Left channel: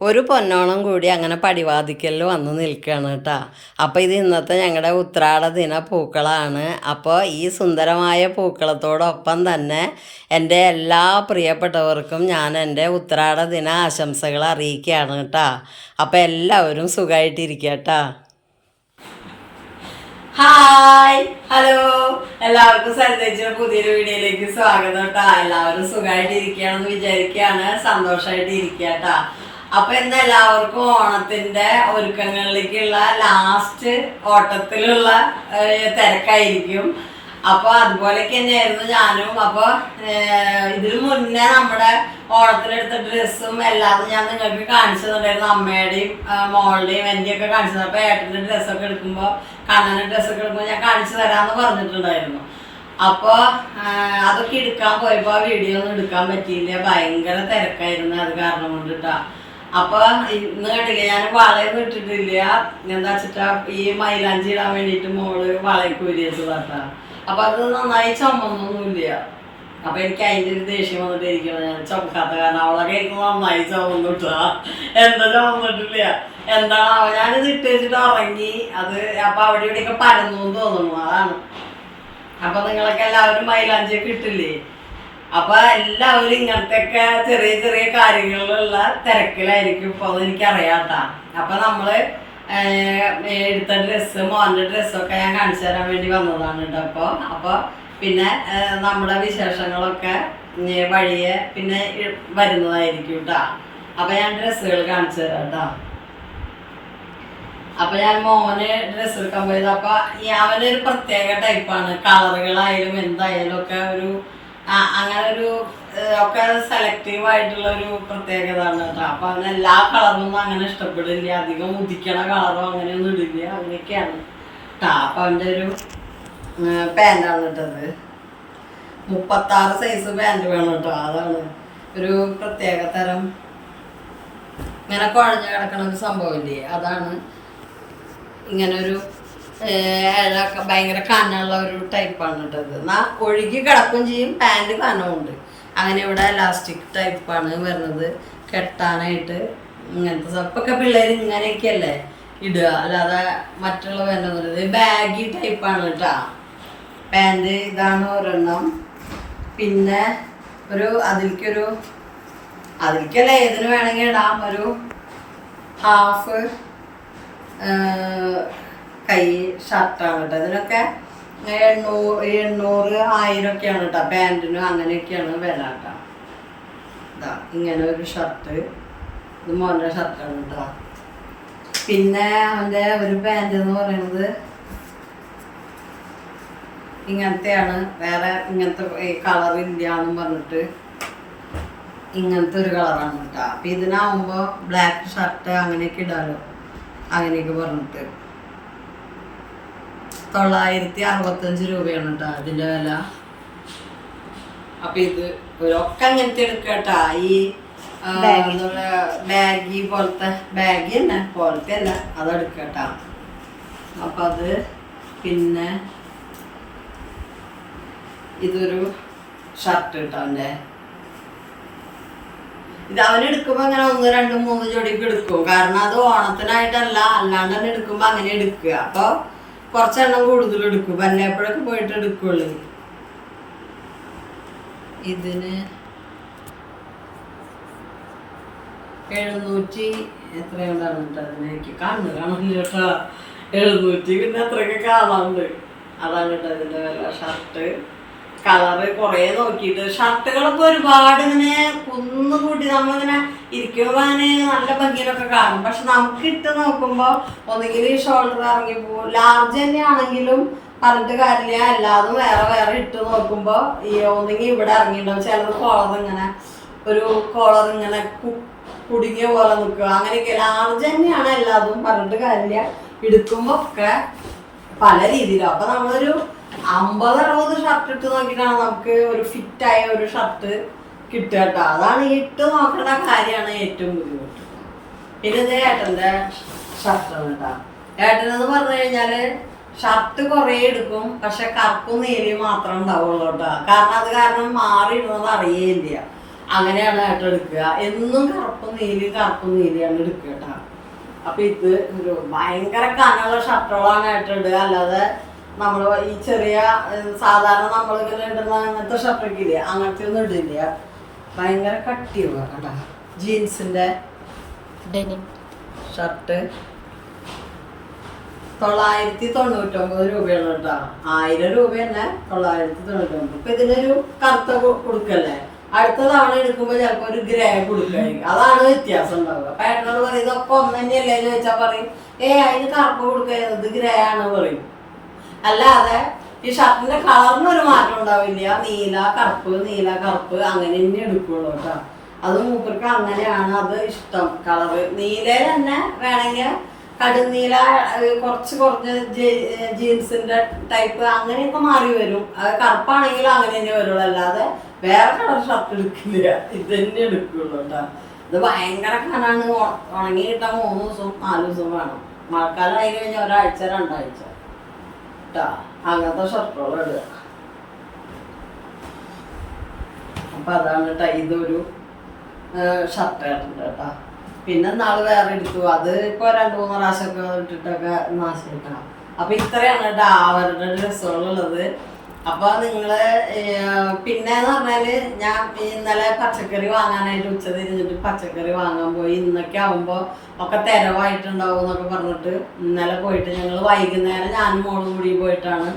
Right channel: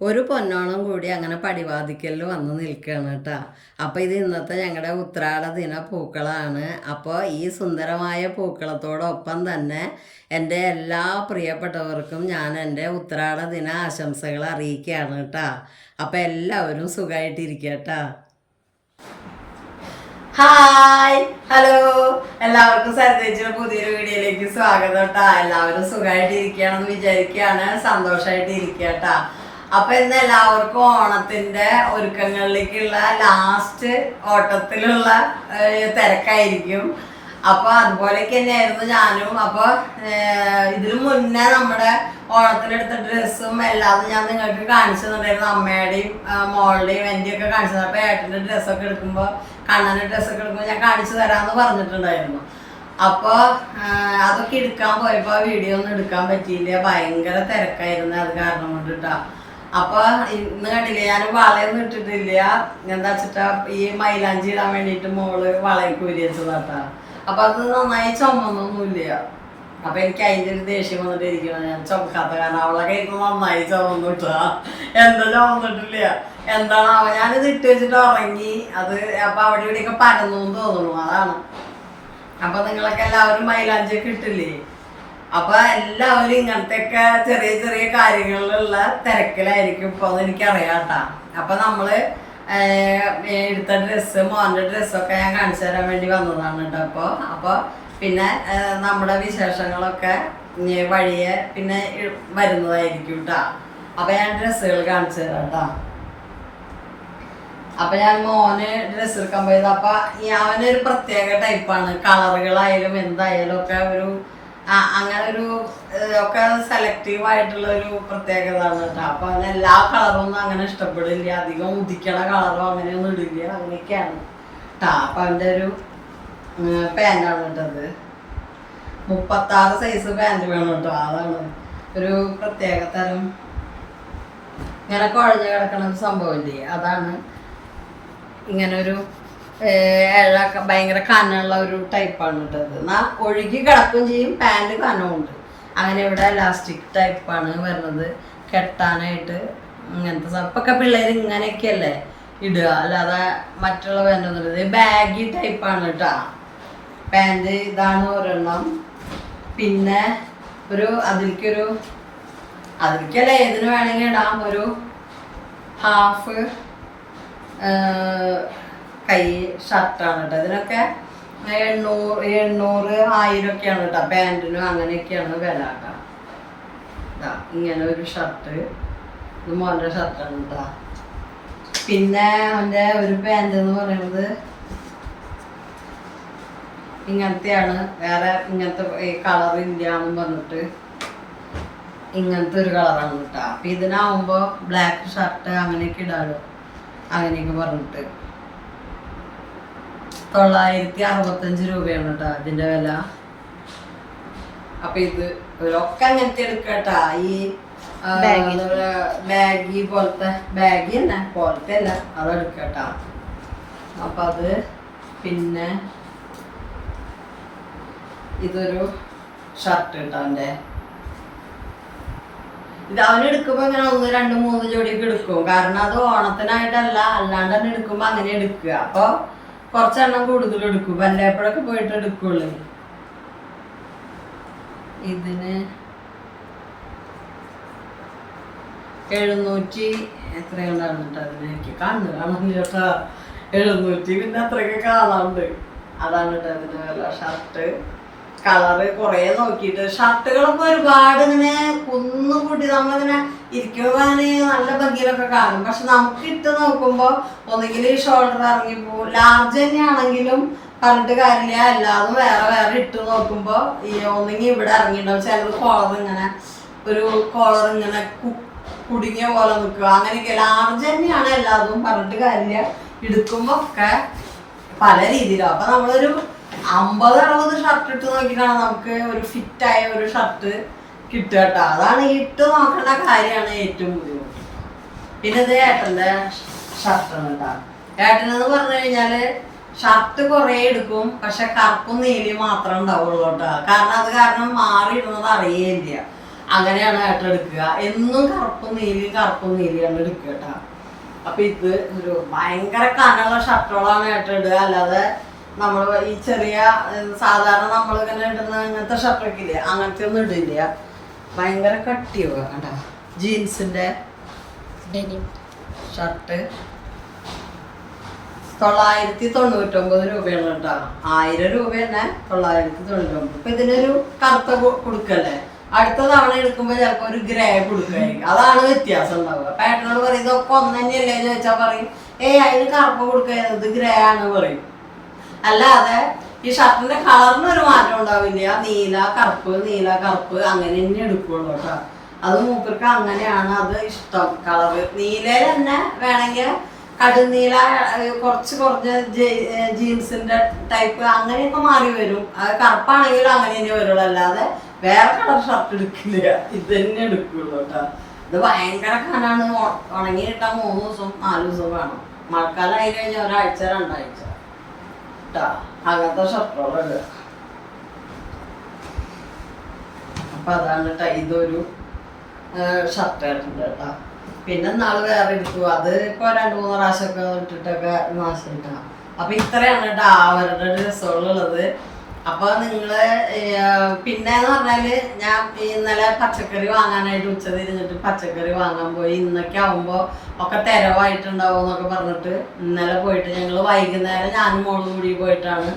ഒരു പൊന്നോണം കൂടി അങ്ങനെ പടിവാതിക്കലിൽ വന്ന് നിൽക്കുകയാണ് കേട്ടോ. അപ്പോൾ ഇത് ഇന്നത്തെ ഞങ്ങളുടെ ഉത്രാട ദിന പൂക്കളാണ്. അപ്പോൾ ഈ സുന്ദരമായ പൂക്കളത്തോടൊപ്പം തന്നെ എന്റെ എല്ലാ പ്രിയപ്പെട്ടവർക്കും ഞാൻ എന്റെ ഉത്രാട ദിന ആശംസകൾ അറിയിക്കുകയാണ് കേട്ടോ. അപ്പോൾ എല്ലാവരും സുഖമായിട്ടിരിക്കുക കേട്ടോ. Hi hello. എല്ലാവർക്കും സരിതേച്ചിയുടെ പുതിയൊരു വീഡിയോയിലേക്ക് സ്വാഗതം കേട്ടോ. എല്ലാവരും സുഖമായിട്ടിരിക്കുകയാണെന്ന് വിചാരിക്കുകയാണ്. സന്തോഷമായിട്ട് ഇരിക്കുക കേട്ടാ. അപ്പൊ ഇന്ന് എല്ലാവർക്കും ഓണത്തിന്റെ ഒരുക്കങ്ങളിലേക്കുള്ള ലാസ്റ്റ് ഓട്ടത്തിലുള്ള തിരക്കായിരിക്കും. അപ്പൊ അതുപോലെയൊക്കെ തന്നെയായിരുന്നു ഞാനും. അപ്പൊ ഇതിനു മുന്നേ നമ്മുടെ ഓണത്തിനെടുത്ത ഡ്രസ്സും എല്ലാം ഞാൻ നിങ്ങൾക്ക് കാണിച്ചു തന്നിട്ടായിരുന്നു അമ്മയുടെയും മോളുടെയും എന്റെയും ഒക്കെ കാണിച്ചു തന്നെ. അപ്പൊ ഏട്ടന്റെ ഡ്രസ്സൊക്കെ എടുക്കുമ്പോൾ കണ്ണന്റെ ഡ്രസ്സൊക്കെ എടുക്കുമ്പോൾ ഞാൻ കാണിച്ചു തരാമെന്ന് പറഞ്ഞിട്ടുണ്ടായിരുന്നു. അപ്പോൾ അതൊക്കെ എടുക്കാൻ പോയപ്പോൾ വീഡിയോ ഒന്നും എടുക്കാൻ പറ്റിയില്ല. ഭയങ്കര തിരക്കായിരുന്നു അത് കാരണം കൊണ്ടിട്ടാ. അപ്പൊ ഇന്ന് കണ്ടില്ലേ ഞാൻ വളയൊന്നും ഇട്ടിട്ടില്ല. എന്താ വെച്ചിട്ടാ ഈ മൈലാഞ്ചി ഇടാൻ വേണ്ടിയിട്ട് മോൾ വളയൊക്കെ ഉരിയച്ചതാട്ടാ അപ്പൊ അത് നന്നായി ചുമന്നൊന്നുമില്ല. അപ്പൊ എനിക്ക് അതിന്റെ ഒരു ദേഷ്യം വന്നിട്ട് ഇരിക്കണം ഞാൻ ചുമക്കാത്ത കാരണം അവളെ കയ്യിൽ നന്നായി ചുമന്നിട്ടാ എന്താ ചുമന്നിട്ടില്ല? എന്താണ് അവ ഞാനിത് ഇട്ട് വെച്ചിട്ട് ഉറങ്ങി. അത് അപ്പൊ അവിടെ ഇവിടെയൊക്കെ പരന്നു തോന്നുന്നു. അതാണ്. അപ്പൊ നിങ്ങളൊക്കെ എല്ലാവരും മൈലാഞ്ചിയൊക്കെ ഇട്ടില്ലേ? അപ്പൊ എല്ലാവരും ഇങ്ങനത്തെ ഒക്കെ ചെറിയ ചെറിയ കാര്യങ്ങളിലുള്ള തിരക്കിലായിരിക്കും ഇപ്പൊ എനിക്ക് അറിയാട്ടാ അപ്പൊ നമ്മൾ എടുത്ത ഡ്രസ്സ് മോന്റെ ഡ്രസ്സൊക്കെ ഞാൻ കാണിച്ചു തരാൻ വേണ്ടി വന്നതാണ് കേട്ടോ അപ്പൊ അപ്പൊ പിന്നെ നമ്മുടെ വിശേഷങ്ങളൊക്കെ വഴിയെ പിന്നെ വരുന്നതായിരിക്കും കേട്ടാ. അപ്പൊ ഞാൻ ഡ്രസ്സുകൾ കാണിച്ചു തരാം കേട്ടോ. അപ്പൊ ഞാൻ മോന് ഡ്രസ്സ് എടുക്കാൻ പോയത്. അപ്പൊ അവനൊരു പ്രത്യേക ടൈപ്പാണ് കളറുകളായാലും എന്തായാലും ഒക്കെ ഒരു അങ്ങനെ ഒരു ഒക്കെ സെലക്റ്റീവ് ആയിട്ടുള്ള ഒരു പ്രത്യേകത ആണ് കേട്ടോ. അപ്പൊ അങ്ങനെ എല്ലാ കളറും അങ്ങനെ ഇഷ്ടപ്പെടില്ല. അധികം ഉദിക്കണ കളറോ അങ്ങനെയൊന്നും ഇടില്ല. അങ്ങനെയൊക്കെയാണ് കേട്ടോ അപ്പൊ അവന്റെ ഒരു പാന്റാണ് കേട്ടത് മുപ്പത്താറ് സൈസ് പാന്റ് വേണം കേട്ടോ. അതാണ് ഒരു പ്രത്യേക തരം ഇങ്ങനെ കുഴഞ്ഞു കിടക്കണ ഒരു സംഭവമില്ലേ അതാണ് ഇങ്ങനൊരു ഭയങ്കര കനമുള്ള ഒരു ടൈപ്പാണ് കേട്ടത് എന്നാ ഒഴുകി കിടക്കും ചെയ്യും പാന്റ് കനമുണ്ട് അങ്ങനെ ഇവിടെ ഇലാസ്റ്റിക് ടൈപ്പാണ് വരുന്നത്. കെട്ടാനായിട്ട് ഇങ്ങനത്തെ സപ്പൊക്കെ പിള്ളേർ ഇങ്ങനെയൊക്കെയല്ലേ ഇടുക. അല്ലാതെ മറ്റുള്ള പാന്റ് ഒന്നും ഇത് ബാഗി ടൈപ്പാണ് കേട്ടോ പാന്റ് ഇതാണ് ഒരെണ്ണം. പിന്നെ ഒരു അതിലേക്കൊരു അതിലേക്കല്ല ഏതിന് വേണമെങ്കിൽ ഇടാം. ഒരു ഹാഫ് കൈ ഷർട്ടാണ് കേട്ടോ. ഇതിനൊക്കെ എണ്ണൂറ് എണ്ണൂറ് ആയിരം ഒക്കെയാണ് കേട്ടോ. പാന്റിനും അങ്ങനെയൊക്കെയാണ് വില കേട്ടോ. ഇതാ ഇങ്ങനെ ഒരു ഷർട്ട്. ഇത് മോന്റെ ഷർട്ടാണ് കേട്ടോ. പിന്നെ അവന്റെ ഒരു പാന്റ് എന്ന് പറയുന്നത് ഇങ്ങനത്തെയാണ്. വേറെ ഇങ്ങനത്തെ കളർ ഇല്ല പറഞ്ഞിട്ട് ഇങ്ങനത്തെ ഒരു കളറാണ് കേട്ടോ. അപ്പം ഇതിനാവുമ്പോൾ ബ്ലാക്ക് ഷർട്ട് അങ്ങനെയൊക്കെ ഇടാലോ. അങ്ങനെയൊക്കെ പറഞ്ഞിട്ട്. തൊള്ളായിരത്തി അറുപത്തഞ്ച് രൂപയാണ് കേട്ടോ അതിന്റെ വില. അപ്പം ഇത് ഒരൊക്കെ അങ്ങനത്തെ എടുക്കട്ടാ. ഈ ബാഗി. പോലത്തെ ബാഗി തന്നെ പോലത്തെ അല്ല അത് എടുക്കട്ടാ. അപ്പം അത് പിന്നെ ഇതൊരു ഷർട്ട് കേട്ടോ അവന്റെ ഇത് അവനെടുക്കുമ്പോ അങ്ങനെ ഒന്ന് രണ്ട് മൂന്ന് ജോഡിയൊക്കെ എടുക്കും. കാരണം അത് ഓണത്തിനായിട്ടല്ല അല്ലാണ്ട് തന്നെ എടുക്കുമ്പോ അങ്ങനെ എടുക്കുക. അപ്പൊ കുറച്ചെണ്ണം കൂടുതൽ എടുക്കും വല്ലപ്പോഴൊക്കെ പോയിട്ട് എടുക്കുള്ളൂ. ഇതിന് എഴുന്നൂറ്റി എത്രയുണ്ടാണ് കേട്ടോ അതിന് എനിക്ക് കണ്ണ് കാണാനില്ല കേട്ടോ. എഴുന്നൂറ്റി പിന്നെ അത്രയൊക്കെ കാണാറുണ്ട് അതാണ് കേട്ടോ അതിന്റെ വില ഷർട്ട് കളറ് കുറേ നോക്കിയിട്ട് ഷർട്ടുകളൊക്കെ ഒരുപാട് ഇങ്ങനെ കുന്നുകൂട്ടി നമ്മളിങ്ങനെ ഇരിക്കുമ്പോൾ നല്ല ഭംഗിയിലൊക്കെ കാണും. പക്ഷെ നമുക്ക് ഇട്ട് നോക്കുമ്പോൾ ഒന്നുകിൽ ഷോൾഡർ ഇറങ്ങി പോകും ലാർജ് തന്നെയാണെങ്കിലും പറഞ്ഞിട്ട് കാര്യമില്ല. എല്ലാതും വേറെ വേറെ ഇട്ട് നോക്കുമ്പോൾ ഈ ഒന്നെങ്കിൽ ഇവിടെ ഇറങ്ങിയിട്ടുണ്ടാവും. ചിലത് കോളർ ഇങ്ങനെ ഒരു കോളർ ഇങ്ങനെ കുടുങ്ങിയ പോലെ നിൽക്കുക. അങ്ങനെയൊക്കെ ലാർജ് തന്നെയാണ് എല്ലാതും പറഞ്ഞിട്ട് കാര്യമില്ല. എടുക്കുമ്പോൾ ഒക്കെ പല രീതിയിലും. അപ്പൊ നമ്മളൊരു അമ്പത് അറുപത് ഷർട്ട് ഇട്ട് നോക്കിയിട്ടാണ് നമുക്ക് ഒരു ഫിറ്റായ ഒരു ഷർട്ട് കിട്ടുക കേട്ടോ. അതാണ് ഇട്ട് നോക്കേണ്ട കാര്യമാണ് ഏറ്റവും ബുദ്ധിമുട്ട്. പിന്നെ ഇത് ഏട്ടന്റെ ഷർട്ടാണ് കേട്ടോ. ഏട്ടനെന്ന് പറഞ്ഞു കഴിഞ്ഞാൽ ഷർട്ട് കുറേ എടുക്കും പക്ഷെ കറുപ്പും നീലയും മാത്രം ഉണ്ടാവുള്ളൂ കേട്ടോ. കാരണം അത് കാരണം മാറി ഇടുന്നത് അറിയേയില്ല. അങ്ങനെയാണ് ഏട്ടൻ എടുക്കുക. എന്നും കറുപ്പും നീലയും കറുപ്പും നീലിയാണ് എടുക്കുക കേട്ടോ. അപ്പൊ ഇത് ഒരു ഭയങ്കര കനുള്ള ഷർട്ടുകളാണ് ഏട്ടൻ ഇടുക. അല്ലാതെ നമ്മൾ ഈ ചെറിയ സാധാരണ നമ്മൾ ഇങ്ങനെ ഇടുന്ന അങ്ങനത്തെ ഷർട്ടൊക്കെ ഇല്ല? അങ്ങനത്തെ ഒന്നും ഇടില്ല. ഭയങ്കര കട്ടിയോ കേട്ടോ ജീൻസിന്റെ ഡെനിം ഷർട്ട് തൊള്ളായിരത്തി തൊണ്ണൂറ്റൊമ്പത് രൂപയാണ് കേട്ടോ. ആയിരം രൂപ തന്നെ തൊള്ളായിരത്തി തൊണ്ണൂറ്റൊമ്പത്. ഇപ്പൊ ഇതിനൊരു കറുത്ത കൊടുക്കല്ലേ? അടുത്ത തവണ എടുക്കുമ്പോ ചിലപ്പോ ഒരു ഗ്രേ കൊടുക്കായിരിക്കും. അതാണ് വ്യത്യാസം ഉണ്ടാവുക. പാറ്റേൺ ഏട്ടനോട് പറയും ഇതൊക്കെ ഒന്ന് തന്നെയല്ലേ എന്ന് വെച്ചാൽ പറയും ഏ അതിന് കറുപ്പ് കൊടുക്കുന്നത് ഗ്രേ ആണ് പറയും. അല്ലാതെ ഈ ഷർട്ടിന്റെ കളറിന് ഒരു മാറ്റം ഉണ്ടാവില്ല. നീല കറുപ്പ് നീല കറുപ്പ് അങ്ങനെ തന്നെ എടുക്കുള്ളൂ കേട്ടോ. അത് മൂപ്പർക്ക് അങ്ങനെയാണ് അത് ഇഷ്ടം കളറ്. നീല തന്നെ വേണമെങ്കിൽ കടുന്നീല ഏഹ്, കുറച്ച് കുറഞ്ഞ ജീൻസിന്റെ ടൈപ്പ് അങ്ങനെയൊക്കെ മാറി വരും. അത് കറുപ്പാണെങ്കിലും അങ്ങനെ തന്നെ വരുള്ളൂ. അല്ലാതെ വേറെ കളർ ഷർട്ട് എടുക്കില്ല. ഇത് തന്നെ എടുക്കുള്ളൂ കേട്ടോ. ഇത് ഭയങ്കര കാണാണ് ഉണങ്ങി കിട്ടാൻ മൂന്ന് ദിവസം നാല് ദിവസം വേണം. മഴക്കാലം ആയി കഴിഞ്ഞാൽ ഒരാഴ്ച രണ്ടാഴ്ച. കേട്ടോ അങ്ങനത്തെ ഷർട്ടുകളും ഇടുക. അപ്പൊ അതാണ് കേട്ടോ ഇതൊരു ഷർട്ട് ആയിട്ടുണ്ട് കേട്ടോ പിന്നെ നാളെ വേറെ എടുത്തു. അത് ഇപ്പൊ രണ്ടു മൂന്ന് പ്രാവശ്യമൊക്കെ ഇട്ടിട്ടൊക്കെ നാശിട്ടാ അപ്പൊ ഇത്രയാണ് കേട്ടോ അവരുടെ ഡ്രസ്സുകളുള്ളത്. അപ്പൊ നിങ്ങൾ പിന്നെന്ന് പറഞ്ഞാൽ ഞാൻ ഇന്നലെ പച്ചക്കറി വാങ്ങാനായിട്ട് ഉച്ച തിരിഞ്ഞിട്ട് പച്ചക്കറി വാങ്ങാൻ പോയി. ഇന്നൊക്കെ ആവുമ്പോ ഒക്കെ തെരവായിട്ടുണ്ടാവും എന്നൊക്കെ പറഞ്ഞിട്ട് ഇന്നലെ പോയിട്ട് ഞങ്ങൾ വൈകുന്നേരം ഞാനും മോളും കൂടി പോയിട്ടാണ്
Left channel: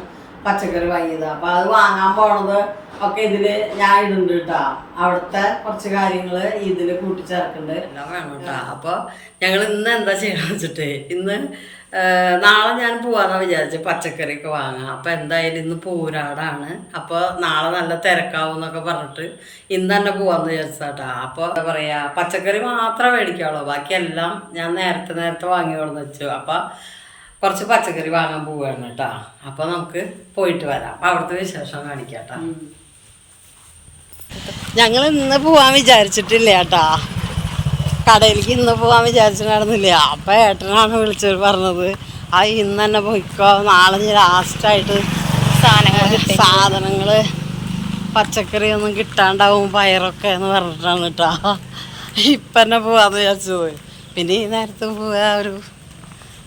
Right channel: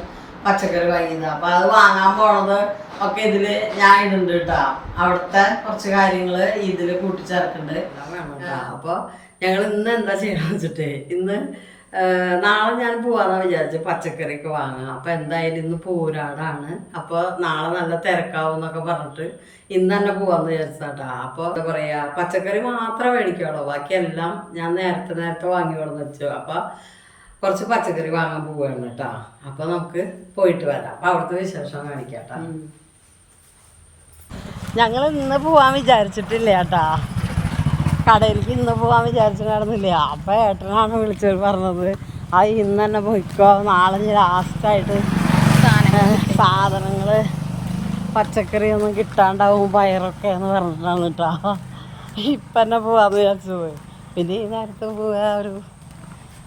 പച്ചക്കറി വാങ്ങിയത്. അപ്പൊ അത് വാങ്ങാൻ പോണത് ഒക്കെ ഇതിൽ ഞാൻ ഇടുന്നുണ്ട് കേട്ടാ. അവിടുത്തെ കുറച്ച് കാര്യങ്ങൾ ഇതിൽ കൂട്ടിച്ചേർക്കുന്നുണ്ട്. എല്ലാം വേണം കേട്ടാ. അപ്പൊ ഞങ്ങൾ ഇന്ന് എന്താ ചെയ്യണമെന്ന് വെച്ചിട്ട് ഇന്ന് നാളെ ഞാൻ പോവാന്നാ വിചാരിച്ചു. പച്ചക്കറിയൊക്കെ വാങ്ങാം. അപ്പൊ എന്തായാലും ഇന്ന് പോരാടാണ്. അപ്പൊ നാളെ നല്ല തിരക്കാവും എന്നൊക്കെ പറഞ്ഞിട്ട് ഇന്ന് തന്നെ പോവാന്ന് വിചാരിച്ചാട്ടാ അപ്പൊ എന്താ പറയാ പച്ചക്കറി മാത്രമേ മേടിക്കാവുള്ളൂ. ബാക്കിയെല്ലാം ഞാൻ നേരത്തെ നേരത്തെ വാങ്ങി കൊണ്ടു വെച്ചു. അപ്പൊ കുറച്ച് പച്ചക്കറി വാങ്ങാൻ പോവാണ് കേട്ടോ. അപ്പൊ നമുക്ക് പോയിട്ട് വരാം. അപ്പൊ അവിടുത്തെ വിശേഷം കാണിക്കാട്ടാ. ഞങ്ങൾ ഇന്ന് പോവാൻ വിചാരിച്ചിട്ടില്ല കടയിലേക്ക് ഇന്ന് പോകാൻ വിചാരിച്ചിട്ടുണ്ടായിരുന്നില്ല അപ്പൊ ഏട്ടനാണ് വിളിച്ചത് പറഞ്ഞത്. ആ ഇന്ന് തന്നെ പോയിക്കോ. നാളെ ലാസ്റ്റായിട്ട് സാധനങ്ങൾ സാധനങ്ങൾ സാധനങ്ങൾ പച്ചക്കറി ഒന്നും കിട്ടാണ്ടാവും പയറൊക്കെ എന്ന് പറഞ്ഞിട്ടാണ് കേട്ടോ. ഇപ്പം തന്നെ പോവാന്ന് വിചാരിച്ചത് പിന്നെ ഈ നേരത്തും പോവാ ഒരു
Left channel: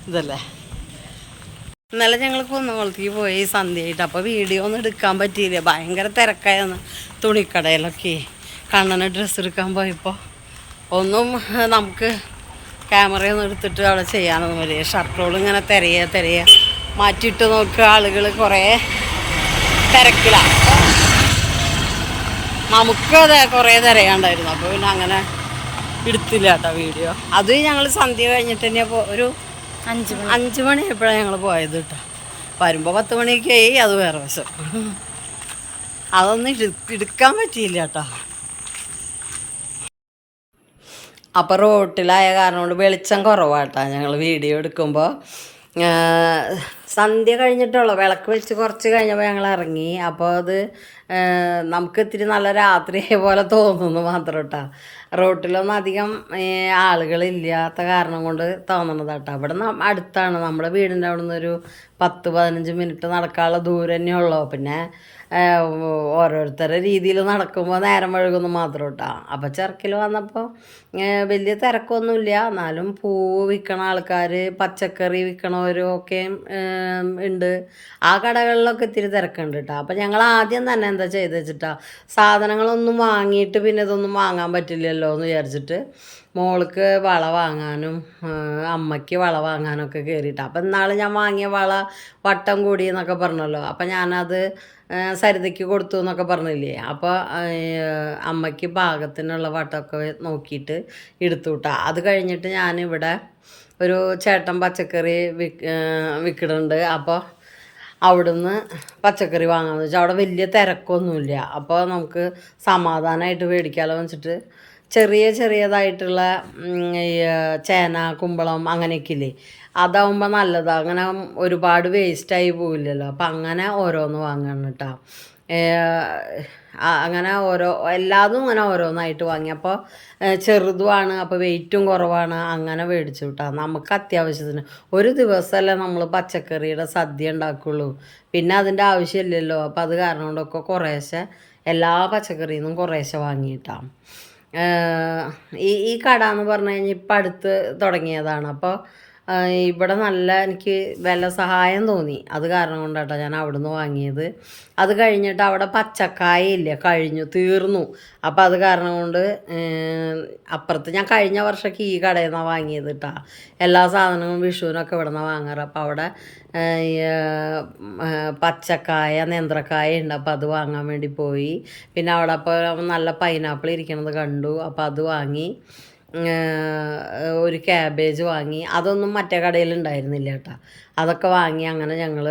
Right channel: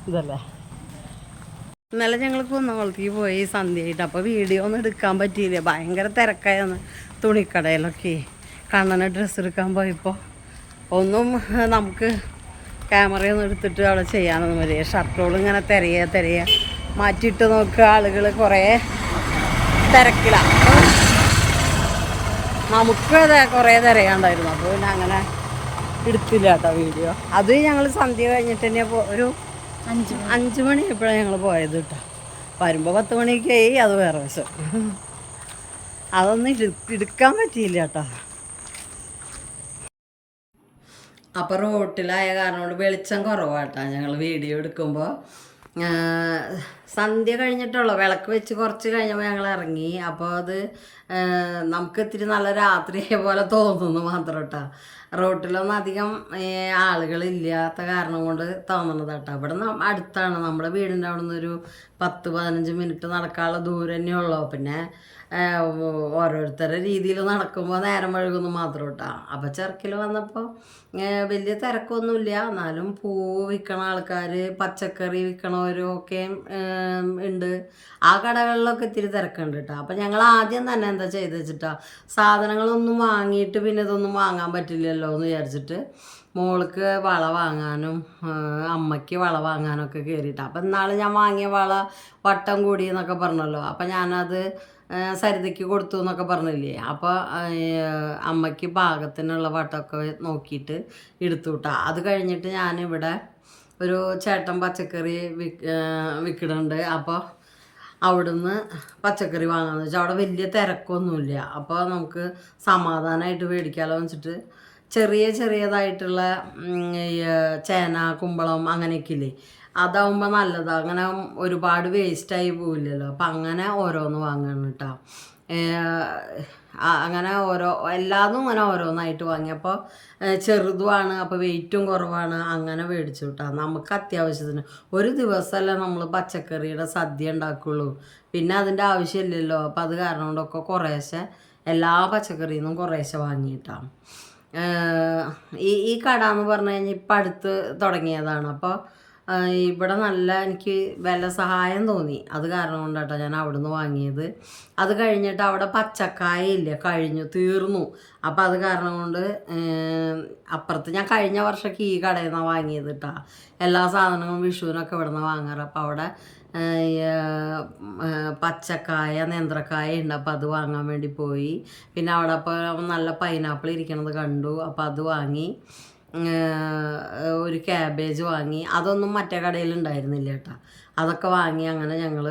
ഇതല്ലേ? ഇന്നലെ ഞങ്ങൾ കുന്നംകുളത്തേക്ക് പോയി സന്ധ്യയായിട്ട്. അപ്പോൾ വീഡിയോ ഒന്നും എടുക്കാൻ പറ്റിയില്ല. ഭയങ്കര തിരക്കായിരുന്നു. തുണിക്കടയിലൊക്കെ കണ്ണന് ഡ്രസ്സ് എടുക്കാൻ പോയപ്പോൾ ഒന്നും നമുക്ക് നമുക്ക് ക്യാമറയൊന്നും എടുത്തിട്ട് അവിടെ ചെയ്യാനൊന്നും വരിക ഷർട്ടുകൾ ഇങ്ങനെ തിരയുക തിരയുക മാറ്റിയിട്ട് നോക്കുക. ആളുകൾ കുറേ തിരക്കിലാണ് അപ്പോൾ നമുക്ക് അത് കുറേ തിരയാണ്ടായിരുന്നു. അപ്പോൾ പിന്നെ അങ്ങനെ എടുത്തില്ല കേട്ടോ വീഡിയോ അത് ഞങ്ങൾ സന്ധ്യ കഴിഞ്ഞിട്ട് തന്നെ ഒരു അഞ്ച് അഞ്ച് മണിയായപ്പോഴാണ് ഞങ്ങൾ പോയത് കേട്ടോ. വരുമ്പോൾ പത്ത് മണിയൊക്കെ ആയി അത് വേറെ വശം അതൊന്നും എടു- എടുക്കാൻ പറ്റിയില്ല കേട്ടോ. അപ്പോൾ റോട്ടിലായ കാരണം കൊണ്ട് വെളിച്ചം കുറവാട്ടോ. ഞങ്ങൾ വീഡിയോ എടുക്കുമ്പോൾ സന്ധ്യ കഴിഞ്ഞിട്ടുള്ളൂ. വിളക്ക് വെച്ച് കുറച്ച് കഴിഞ്ഞപ്പോൾ ഞങ്ങൾ ഇറങ്ങി. അപ്പോൾ അത് നമുക്ക് ഇത്തിരി നല്ല രാത്രിയായ പോലെ തോന്നുന്നു മാത്രം കേട്ടോ റോട്ടിലൊന്നും അധികം ആളുകളില്ലാത്ത കാരണം കൊണ്ട് തോന്നുന്നത് കേട്ടോ അവിടെ ന- അടുത്താണ്. നമ്മുടെ വീടിന്റെ അവിടെ നിന്നൊരു പത്ത് പതിനഞ്ച് മിനിറ്റ് നടക്കാനുള്ള ദൂരം തന്നെയുള്ളൂ പിന്നെ ഓരോരുത്തരുടെ രീതിയിൽ നടക്കുമ്പോൾ നേരം വഴുകുന്നു മാത്രം കേട്ടോ അപ്പോൾ ചെറുക്കിൽ വന്നപ്പോൾ വലിയ തിരക്കൊന്നുമില്ല. എന്നാലും പൂ വിൽക്കണ ആൾക്കാർ പച്ചക്കറി വിൽക്കണവരും ഒക്കെ ഉണ്ട്. ആ കടകളിലൊക്കെ ഇത്തിരി തിരക്കുണ്ട് കേട്ടോ അപ്പോൾ ഞങ്ങൾ ആദ്യം തന്നെ എന്താ ചെയ്ത് വെച്ചിട്ടാ സാധനങ്ങളൊന്നും വാങ്ങിയിട്ട് പിന്നെ ഇതൊന്നും വാങ്ങാൻ പറ്റില്ലല്ലോ എന്ന് വിചാരിച്ചിട്ട് മോൾക്ക് വള വാങ്ങാനും അമ്മയ്ക്ക് വള വാങ്ങാനൊക്കെ കയറിയിട്ട് അപ്പം ഇന്നാൾ ഞാൻ വാങ്ങിയ വള വട്ടം കൂടി എന്നൊക്കെ പറഞ്ഞല്ലോ. അപ്പം ഞാനത് സരിതയ്ക്ക് കൊടുത്തു എന്നൊക്കെ പറഞ്ഞില്ലേ? അപ്പോൾ അമ്മയ്ക്ക് പാകത്തിനുള്ള വട്ടമൊക്കെ നോക്കിയിട്ട് എടുത്തു വിട്ടാ അത് കഴിഞ്ഞിട്ട് ഞാനിവിടെ ഒരു ചേട്ടൻ പച്ചക്കറി വിക്ക് വിൽക്കുന്നുണ്ട്. അപ്പോൾ അവിടുന്ന് പച്ചക്കറി വാങ്ങാമെന്ന് വെച്ചാൽ അവിടെ വലിയ തിരക്കൊന്നുമില്ല. അപ്പോൾ നമുക്ക് സമാധാനമായിട്ട് മേടിക്കാമല്ലോ എന്ന് വെച്ചിട്ട് ചെറിയ ചെറിയതായിട്ടുള്ള ചേന കുമ്പളം അങ്ങനെയൊക്കെ ഇല്ലേ? അതാവുമ്പോൾ നല്ലതാണ് അങ്ങനെ ഒരുപാട് വേസ്റ്റായി പോവില്ലല്ലോ. അപ്പം അങ്ങനെ ഓരോന്ന് വാങ്ങണം കേട്ടോ അങ്ങനെ ഓരോ എല്ലാതും ഇങ്ങനെ ഓരോന്നായിട്ട് വാങ്ങി. അപ്പോൾ ചെറുതുമാണ് അപ്പോൾ വെയിറ്റും കുറവാണ്. അങ്ങനെ മേടിച്ചു കിട്ടാം നമുക്ക് അത്യാവശ്യത്തിന് ഒരു ദിവസമല്ലേ നമ്മൾ പച്ചക്കറിയുടെ സദ്യ ഉണ്ടാക്കുള്ളൂ. പിന്നെ അതിന്റെ ആവശ്യമില്ലല്ലോ. അപ്പോൾ അത് കാരണം കൊണ്ടൊക്കെ കുറേശ്ശെ എല്ലാ പച്ചക്കറിയിൽ നിന്നും കുറേശ്ശെ വാങ്ങിയിട്ടാണ് ഈ ഈ കട എന്ന് പറഞ്ഞു കഴിഞ്ഞാൽ ഇപ്പം അടുത്ത് തുടങ്ങിയതാണ്. അപ്പോൾ ഇവിടെ നല്ല എനിക്ക് വില സഹായം തോന്നി. അത് കാരണം കൊണ്ടാട്ടോ ഞാൻ അവിടുന്ന് വാങ്ങിയത്. അത് കഴിഞ്ഞിട്ട് അവിടെ പച്ചക്കായ ഇല്ല കഴിഞ്ഞു തീർന്നു. അപ്പോൾ അത് കാരണം കൊണ്ട് അപ്പുറത്ത് ഞാൻ കഴിഞ്ഞ വർഷമൊക്കെ ഈ കടയിൽ നിന്നാണ് വാങ്ങിയത് കേട്ടോ എല്ലാ സാധനങ്ങളും വിഷുവിനൊക്കെ ഇവിടെ നിന്നാണ് വാങ്ങാറ്. അപ്പോൾ അവിടെ പച്ചക്കായ നേന്ത്രക്കായ ഉണ്ട്. അപ്പോൾ അത് വാങ്ങാൻ വേണ്ടി പോയി. പിന്നെ അവിടെ അപ്പോൾ നല്ല പൈനാപ്പിൾ ഇരിക്കണത് കണ്ടു. അപ്പോൾ അത് വാങ്ങി. ഒരു ക്യാബേജ് വാങ്ങി. അതൊന്നും മറ്റേ കടയിൽ ഉണ്ടായിരുന്നില്ല കേട്ടോ. അതൊക്കെ വാങ്ങി അങ്ങനെ ഞങ്ങൾ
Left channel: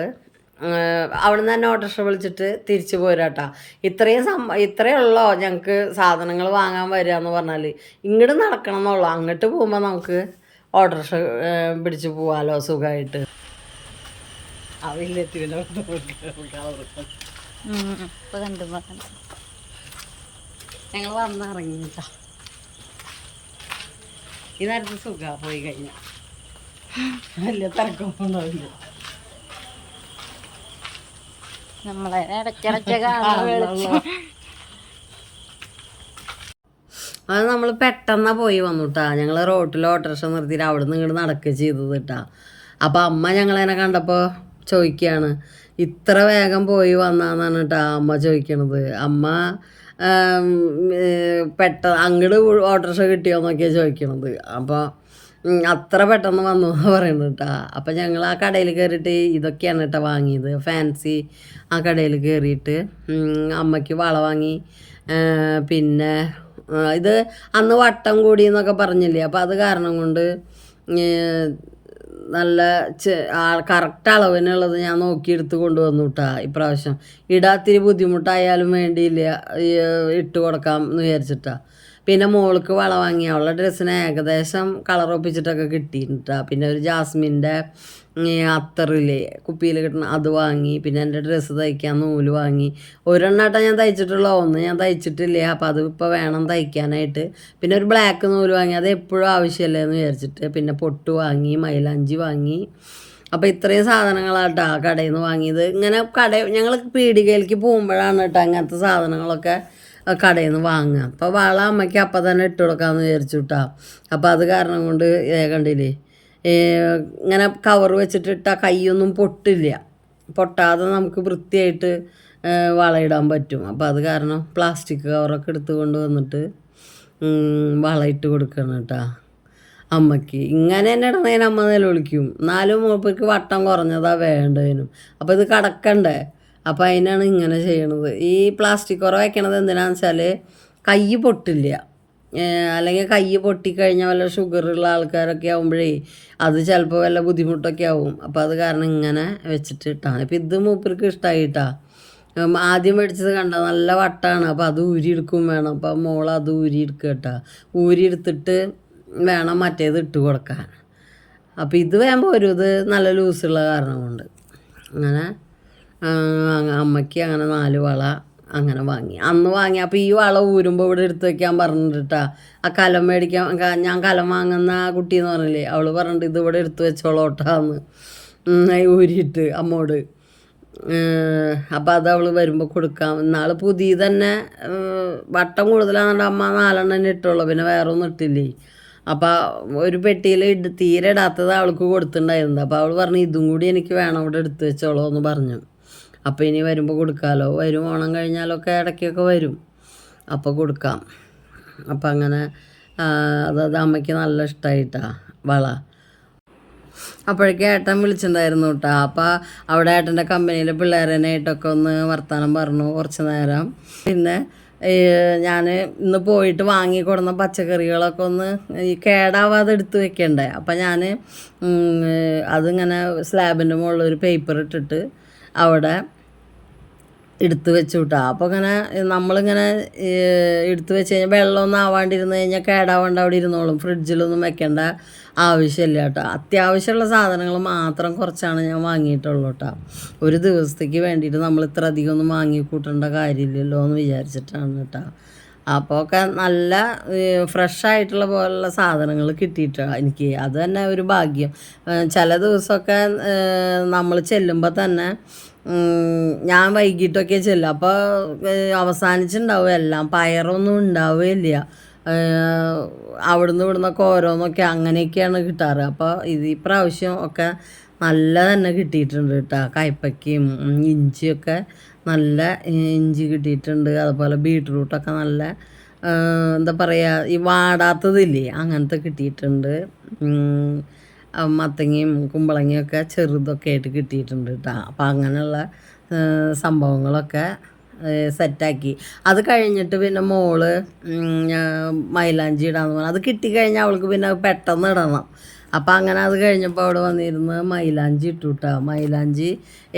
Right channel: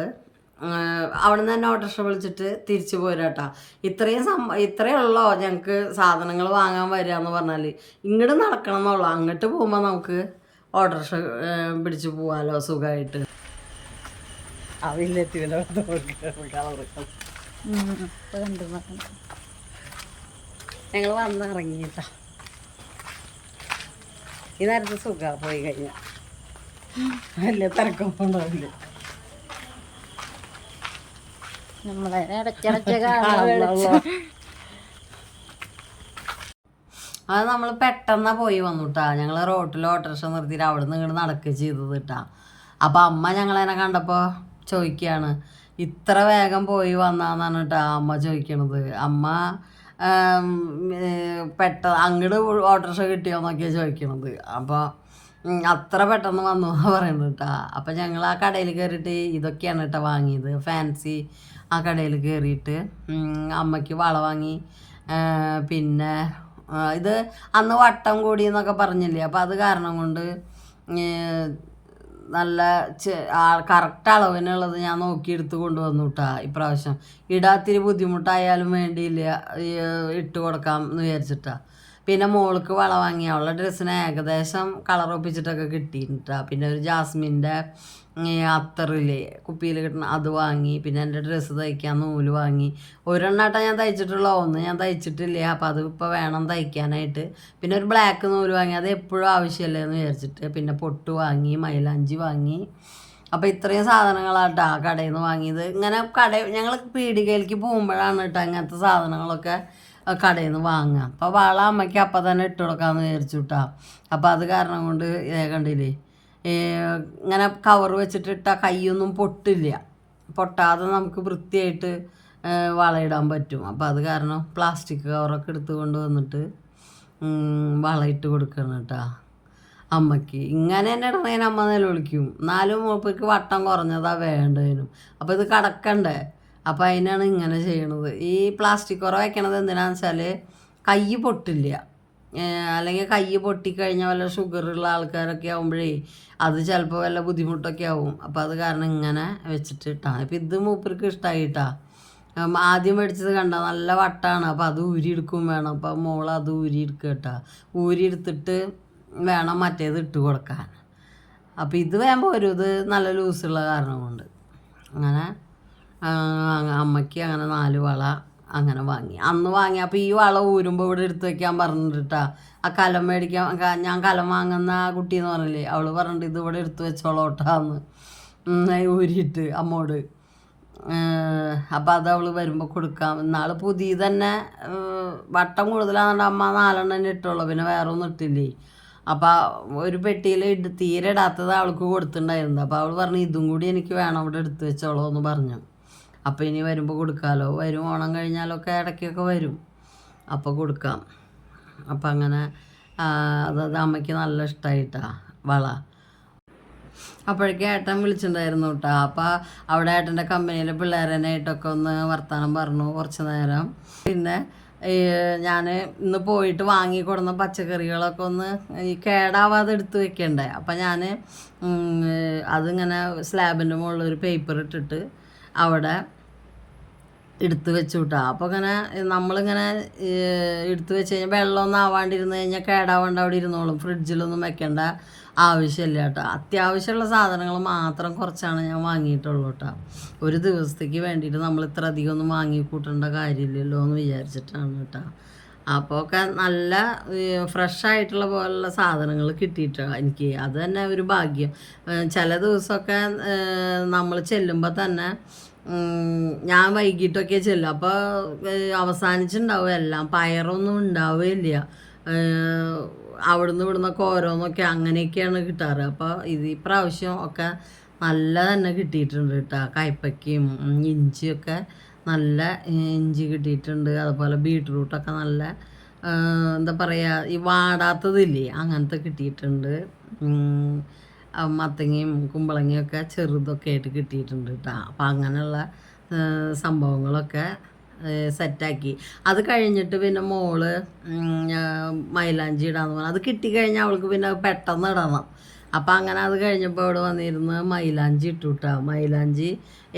അവിടെ നിന്ന് തന്നെ ഓട്ടോറിക്ഷ വിളിച്ചിട്ട് തിരിച്ചു പോരാട്ടോ ഇത്രയും സം ഇത്രയേ ഉള്ളോ ഞങ്ങൾക്ക് സാധനങ്ങൾ വാങ്ങാൻ വരിക എന്ന് പറഞ്ഞാൽ ഇങ്ങോട്ട് നടക്കണം എന്നുള്ളൂ. അങ്ങോട്ട് പോകുമ്പോൾ നമുക്ക് ഓട്ടോറിക്ഷ പിടിച്ചു പോവാലോ സുഖമായിട്ട്. ഞങ്ങൾ വന്നിറങ്ങിട്ടോ ഈ നേരത്തെ സുഖ പോയി കഴിഞ്ഞാൽ വലിയ തിരക്കൊന്നും ഉണ്ടാവില്ല നമ്മളെ ഇടയ്ക്കിടയ്ക്ക് അത് നമ്മൾ പെട്ടെന്ന് പോയി വന്നു കേട്ടാ ഞങ്ങൾ റോട്ടിൽ ഓട്ടോറിക്ഷ നിർത്തിയിട്ട് അവിടെ നിന്ന് ഇങ്ങോട്ട് നടക്കുക ചെയ്തത് കേട്ടാ അപ്പോൾ അമ്മ ഞങ്ങളതിനെ കണ്ടപ്പോൾ ചോദിക്കുകയാണ് ഇത്ര വേഗം പോയി വന്നാന്നാണ് കേട്ടാ അമ്മ ചോദിക്കണത്. അമ്മ പെട്ടെന്ന് അങ്ങോട്ട് ഓട്ടോറിക്ഷ കിട്ടിയോന്നൊക്കെയാണ് ചോദിക്കണത്. അപ്പോൾ ഉം, അത്ര പെട്ടെന്ന് വന്നു എന്ന് പറയുന്നത് കേട്ടാ അപ്പം ഞങ്ങൾ ആ കടയിൽ കയറിയിട്ട് ഇതൊക്കെയാണ് കേട്ടോ വാങ്ങിയത്. ഫാൻസി ആ കടയിൽ കയറിയിട്ട് അമ്മയ്ക്ക് വള വാങ്ങി പിന്നെ ഇത് അന്ന് വട്ടം കൂടി എന്നൊക്കെ പറഞ്ഞില്ലേ? അപ്പോൾ അത് കാരണം കൊണ്ട് നല്ല കറക്റ്റ് അളവിനുള്ളത് ഞാൻ നോക്കിയെടുത്ത് കൊണ്ടുവന്നു കേട്ടാ ഇപ്രാവശ്യം. ഇടാത്തിരി ബുദ്ധിമുട്ടായാലും വേണ്ടിയില്ല ഇട്ട് കൊടുക്കാം എന്ന് വിചാരിച്ചിട്ടാ. പിന്നെ മോൾക്ക് വള വാങ്ങി അവളുടെ ഡ്രസ്സിന് ഏകദേശം കളർ ഒപ്പിച്ചിട്ടൊക്കെ കിട്ടിയിട്ടാ പിന്നെ ഒരു ജാസ്മിന്റെ അത്തറില്ലേ കുപ്പിയിൽ കിട്ടണ അത് വാങ്ങി പിന്നെ എന്റെ ഡ്രസ്സ് തയ്ക്കാൻ നൂൽ വാങ്ങി. ഒരെണ്ണാട്ടം ഞാൻ തയ്ച്ചിട്ടുള്ള ഒന്ന് ഞാൻ തയ്ച്ചിട്ടില്ല അപ്പം അത് ഇപ്പോൾ വേണം തയ്ക്കാനായിട്ട്. പിന്നെ ഒരു ബ്ലാക്ക് നൂൽ വാങ്ങി അത് എപ്പോഴും ആവശ്യമല്ലേ എന്ന് വിചാരിച്ചിട്ട്. പിന്നെ പൊട്ട് വാങ്ങി മൈലാഞ്ചി വാങ്ങി. അപ്പോൾ ഇത്രയും സാധനങ്ങളാട്ടോ ആ കടയിൽ നിന്ന് വാങ്ങിയത്. ഇങ്ങനെ കട ഞങ്ങൾ പീടികയിലേക്ക് പോകുമ്പോഴാണ് കേട്ടോ അങ്ങനത്തെ സാധനങ്ങളൊക്കെ കടയിൽ നിന്ന് വാങ്ങുക. അപ്പോൾ വള അമ്മയ്ക്ക് അപ്പം തന്നെ ഇട്ട് കൊടുക്കാമെന്ന് വിചാരിച്ചു കേട്ടോ. അപ്പോൾ അത് കാരണം കൊണ്ട് കണ്ടില്ലേ ഇങ്ങനെ കവർ വെച്ചിട്ട് ഇട്ടാൽ കൈയൊന്നും പൊട്ടില്ല. പൊട്ടാതെ നമുക്ക് വൃത്തിയായിട്ട് വളയിടാൻ പറ്റും. അപ്പോൾ അത് കാരണം പ്ലാസ്റ്റിക് കവറൊക്കെ എടുത്ത് കൊണ്ട് വന്നിട്ട് വളയിട്ട് കൊടുക്കണം കേട്ടോ അമ്മയ്ക്ക്. ഇങ്ങനെ തന്നെ ഇടണേന് അമ്മ നിലവിളിക്കും എന്നാലും മൂപ്പയ്ക്ക് വട്ടം കുറഞ്ഞതാ വേണ്ടതിനും. അപ്പോൾ ഇത് കടക്കണ്ടേ? അപ്പോൾ അതിനാണ് ഇങ്ങനെ ചെയ്യണത്. ഈ പ്ലാസ്റ്റിക് കുറവ് വയ്ക്കണത് എന്തിനാന്ന് വെച്ചാൽ കൈ പൊട്ടില്ല. അല്ലെങ്കിൽ കൈ പൊട്ടിക്കഴിഞ്ഞാൽ വല്ല ഷുഗറുള്ള ആൾക്കാരൊക്കെ ആകുമ്പോഴേ അത് ചിലപ്പോൾ വല്ല ബുദ്ധിമുട്ടൊക്കെ ആവും. അപ്പോൾ അത് കാരണം ഇങ്ങനെ വെച്ചിട്ട് ഇട്ടാണ് ഇപ്പം ഇത് മൂപ്പർക്ക് ഇഷ്ടമായിട്ടാ ആദ്യം മേടിച്ചത് കണ്ട നല്ല വട്ടാണ്. അപ്പോൾ അത് ഊരിയെടുക്കും വേണം. അപ്പോൾ മോൾ അത് ഊരിയെടുക്കുക കേട്ടോ ഊരിയെടുത്തിട്ട് വേണം മറ്റേത് ഇട്ട് കൊടുക്കാൻ. അപ്പോൾ ഇത് വേകുമ്പോൾ ഒരു ഇത് നല്ല ലൂസുള്ള കാരണം കൊണ്ട്. അങ്ങനെ അമ്മയ്ക്ക് അങ്ങനെ നാല് വള അങ്ങനെ വാങ്ങി. അന്ന് വാങ്ങി. അപ്പോൾ ഈ വള ഊരുമ്പോൾ ഇവിടെ എടുത്ത് വയ്ക്കാൻ പറഞ്ഞിട്ടാ. ആ കലം മേടിക്കാൻ ഞാൻ കലം വാങ്ങുന്ന ആ കുട്ടി എന്ന് പറഞ്ഞില്ലേ അവൾ പറഞ്ഞിട്ട് ഇത് എടുത്തു എടുത്ത് വെച്ചോളോട്ടാന്ന് ഊരിയിട്ട് അമ്മോട്. അപ്പോൾ അത് അവൾ വരുമ്പോൾ കൊടുക്കാം. എന്നാൾ പുതിയ തന്നെ വട്ടം കൂടുതലാണെന്നുണ്ട് അമ്മ നാലെണ്ണം തന്നെ ഇട്ടുള്ളൂ പിന്നെ വേറെ ഒന്നും ഇട്ടില്ലേ. അപ്പോൾ ഒരു പെട്ടിയിൽ ഇട് തീരെ ഇടാത്തത് അവൾക്ക് കൊടുത്തിട്ടുണ്ടായിരുന്നു. അപ്പോൾ അവൾ പറഞ്ഞു ഇതും കൂടി എനിക്ക് വേണം ഇവിടെ എടുത്തു വെച്ചോളൂ എന്ന് പറഞ്ഞു. അപ്പോൾ ഇനി വരുമ്പോൾ കൊടുക്കാമല്ലോ വരും ഓണം കഴിഞ്ഞാലൊക്കെ ഇടയ്ക്കൊക്കെ വരും. അപ്പോൾ കൊടുക്കാം. അപ്പം അങ്ങനെ അതായത് അമ്മയ്ക്ക് നല്ല ഇഷ്ടമായിട്ടാ വള. അപ്പോഴേക്കും ഏട്ടൻ വിളിച്ചിട്ടുണ്ടായിരുന്നു കേട്ടോ. അപ്പോൾ അവിടെ ഏട്ടന്റെ കമ്പനിയിലെ പിള്ളേരനായിട്ടൊക്കെ ഒന്ന് വർത്തമാനം പറഞ്ഞു കുറച്ച് നേരം. പിന്നെ ഞാൻ ഇന്ന് പോയിട്ട് വാങ്ങി കൊടുന്ന പച്ചക്കറികളൊക്കെ ഒന്ന് ഈ കേടാവാതെ എടുത്ത് വെക്കണ്ടേ. അപ്പം ഞാൻ അതിങ്ങനെ സ്ലാബിന്റെ മുകളിൽ ഒരു പേപ്പർ ഇട്ടിട്ട് അവിടെ എടുത്ത് വെച്ചു വിട്ടാ അപ്പോൾ ഇങ്ങനെ നമ്മളിങ്ങനെ എടുത്തു വെച്ച് കഴിഞ്ഞാൽ വെള്ളമൊന്നും ആവാണ്ടിരുന്ന് കഴിഞ്ഞാൽ കേടാവാണ്ട് അവിടെ ഇരുന്നോളും. ഫ്രിഡ്ജിലൊന്നും വെക്കേണ്ട ആവശ്യമില്ല കേട്ടോ. അത്യാവശ്യമുള്ള സാധനങ്ങൾ മാത്രം കുറച്ചാണ് ഞാൻ വാങ്ങിയിട്ടുള്ളൂ കേട്ടോ ഒരു ദിവസത്തേക്ക് വേണ്ടിയിട്ട് നമ്മൾ ഇത്ര അധികം ഒന്നും വാങ്ങി കൂട്ടേണ്ട കാര്യമില്ലല്ലോ എന്ന് വിചാരിച്ചിട്ടാണ് കേട്ടോ. അപ്പോൾ ഒക്കെ നല്ല ഫ്രഷ് ആയിട്ടുള്ള പോലുള്ള സാധനങ്ങൾ കിട്ടിയിട്ടാണ് എനിക്ക്. അത് തന്നെ ഒരു ഭാഗ്യം. ചില ദിവസമൊക്കെ നമ്മൾ ചെല്ലുമ്പോൾ തന്നെ ഞാൻ വൈകിട്ടൊക്കെ ചെല്ലും. അപ്പോൾ അവസാനിച്ചിട്ടുണ്ടാവും എല്ലാം. പയറൊന്നും ഉണ്ടാവുകയില്ല അവിടുന്ന് ഇവിടുന്നൊക്കെ ഓരോന്നൊക്കെ അങ്ങനെയൊക്കെയാണ് കിട്ടാറ്. അപ്പോൾ ഇത് ഈ പ്രാവശ്യം ഒക്കെ നല്ല തന്നെ കിട്ടിയിട്ടുണ്ട് കേട്ടോ കയ്പ്പയ്ക്കയും ഇഞ്ചിയൊക്കെ നല്ല ഇഞ്ചി കിട്ടിയിട്ടുണ്ട്. അതുപോലെ ബീട്രൂട്ടൊക്കെ നല്ല എന്താ പറയുക ഈ വാടാത്തതില്ലേ അങ്ങനത്തെ കിട്ടിയിട്ടുണ്ട്. മത്തങ്ങയും കുമ്പളങ്ങയും ഒക്കെ ചെറുതൊക്കെ ആയിട്ട് കിട്ടിയിട്ടുണ്ട് കേട്ടോ അപ്പം അങ്ങനെയുള്ള സംഭവങ്ങളൊക്കെ സെറ്റാക്കി. അത് കഴിഞ്ഞിട്ട് പിന്നെ മോൾ മൈലാഞ്ചി ഇടാന്ന് പറഞ്ഞു. അത് കിട്ടിക്കഴിഞ്ഞാൽ അവൾക്ക് പിന്നെ പെട്ടെന്ന് ഇടണം. അപ്പം അങ്ങനെ അത് കഴിഞ്ഞപ്പോൾ അവിടെ വന്നിരുന്ന് മൈലാഞ്ചി ഇട്ടു കേട്ടോ മൈലാഞ്ചി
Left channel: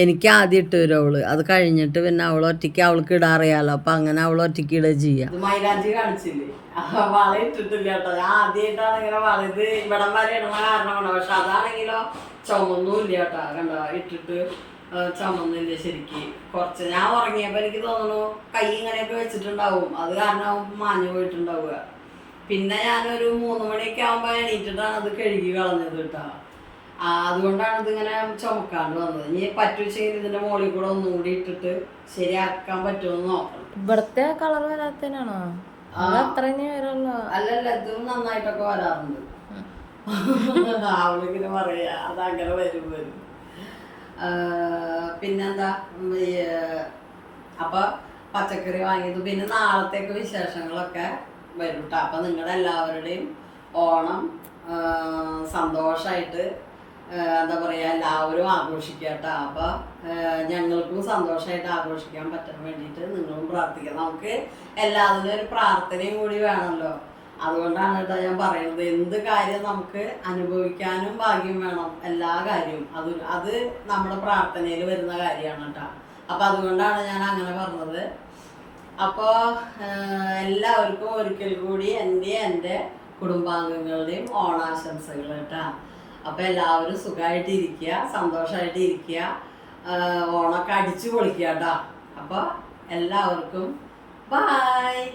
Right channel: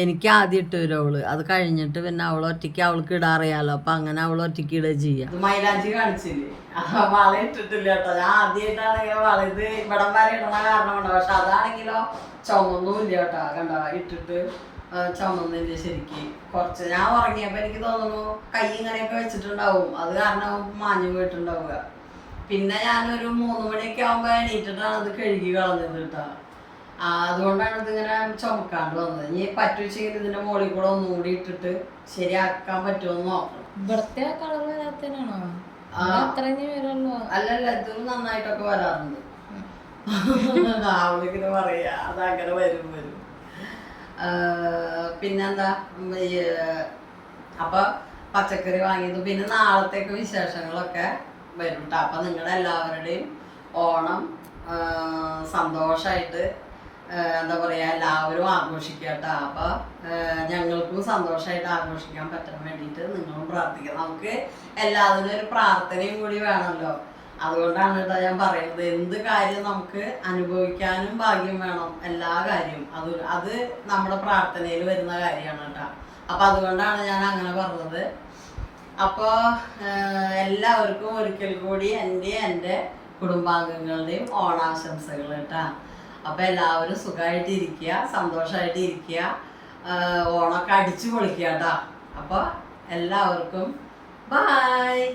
എനിക്ക് ആദ്യം ഇട്ട് വരും അവൾ. അത് കഴിഞ്ഞിട്ട് പിന്നെ അവൾ ഒറ്റയ്ക്ക് അവൾക്ക് ഇടാറിയാലോ അപ്പം അങ്ങനെ അവൾ ഒറ്റയ്ക്ക് ഇടുക ചെയ്യാം. മൈലാഞ്ചി കാണിച്ചില്ലേ? വള ഇട്ടിട്ടില്ല കേട്ടോ. ഞാൻ ആദ്യമായിട്ടാണ് ഇങ്ങനെ വള. ഇത് ഇവിടം വരെ ഇടുന്ന കാരണമാണ്. പക്ഷെ അതാണെങ്കിലോ കേട്ടോ. കണ്ടോ? ഇട്ടിട്ട് ചുമന്നില്ല ശരിക്ക്. കുറച്ച് ഞാൻ ഉറങ്ങിയപ്പോൾ എനിക്ക് തോന്നുന്നു കൈ ഇങ്ങനെയൊക്കെ വെച്ചിട്ടുണ്ടാവും. അത് കാരണമാവും മാഞ്ഞു പോയിട്ടുണ്ടാവുക. പിന്നെ ഞാനൊരു മൂന്ന് മണിയൊക്കെ ആകുമ്പോൾ എണീറ്റിട്ടാണ് അത് കഴുകി കളഞ്ഞത് കേട്ടോ. ആ, അതുകൊണ്ടാണ് ഇതിങ്ങനെ ചുമക്കാണ്ട് വന്നത്. ഇനി പറ്റുവെച്ചെങ്കിൽ ഇതിന്റെ മുകളിൽ കൂടെ ഒന്നുകൂടി ഇട്ടിട്ട് ശരിയാക്കാൻ പറ്റുമെന്ന് നോക്കണം. ഇവിടുത്തെ കളർ വരാത്തതിനാണോ? അല്ലല്ല ഇതും നന്നായിട്ടൊക്കെ വരാറുണ്ട്. അവളിങ്ങനെ പറയാ അങ്ങനെ വരും വരും. പിന്നെന്താ? അപ്പൊ പച്ചക്കറി വാങ്ങിയത്. പിന്നെ നാളത്തേക്ക് വിശേഷങ്ങളൊക്കെ. വരും കേട്ടോ അപ്പം നിങ്ങളുടെ എല്ലാവരുടെയും ഓണം സന്തോഷമായിട്ട് എന്താ പറയുക എല്ലാവരും ആഘോഷിക്കുക കേട്ടോ അപ്പോൾ ഞങ്ങൾക്കും സന്തോഷമായിട്ട് ആഘോഷിക്കാൻ പറ്റാൻ വേണ്ടിയിട്ട് നിങ്ങളും പ്രാർത്ഥിക്കുക നമുക്ക് എല്ലാത്തിനും ഒരു പ്രാർത്ഥനയും കൂടി വേണമല്ലോ അതുകൊണ്ടാണ് കേട്ടോ ഞാൻ പറയുന്നത്. എന്ത് കാര്യം നമുക്ക് അനുഭവിക്കാനും ഭാഗ്യം വേണം. എല്ലാ കാര്യവും. അത് അത് നമ്മുടെ പ്രാർത്ഥനയിൽ വരുന്ന കാര്യമാണ് കേട്ടോ അപ്പം അതുകൊണ്ടാണ് ഞാൻ അങ്ങനെ പറഞ്ഞത്. അപ്പോൾ എല്ലാവർക്കും ഒരിക്കൽ കൂടി എന്റെ എന്റെ കുടുംബാംഗങ്ങളുടെയും ഓണാശംസകൾ കേട്ടോ. അപ്പോൾ എല്ലാവരും സുഖമായിട്ട് ഇരിക്കുക സന്തോഷമായിട്ട് ഇരിക്കുക ഓണമൊക്കെ അടിച്ചു പൊളിക്കുക കേട്ടോ. അപ്പോൾ എല്ലാവർക്കും ബായ്.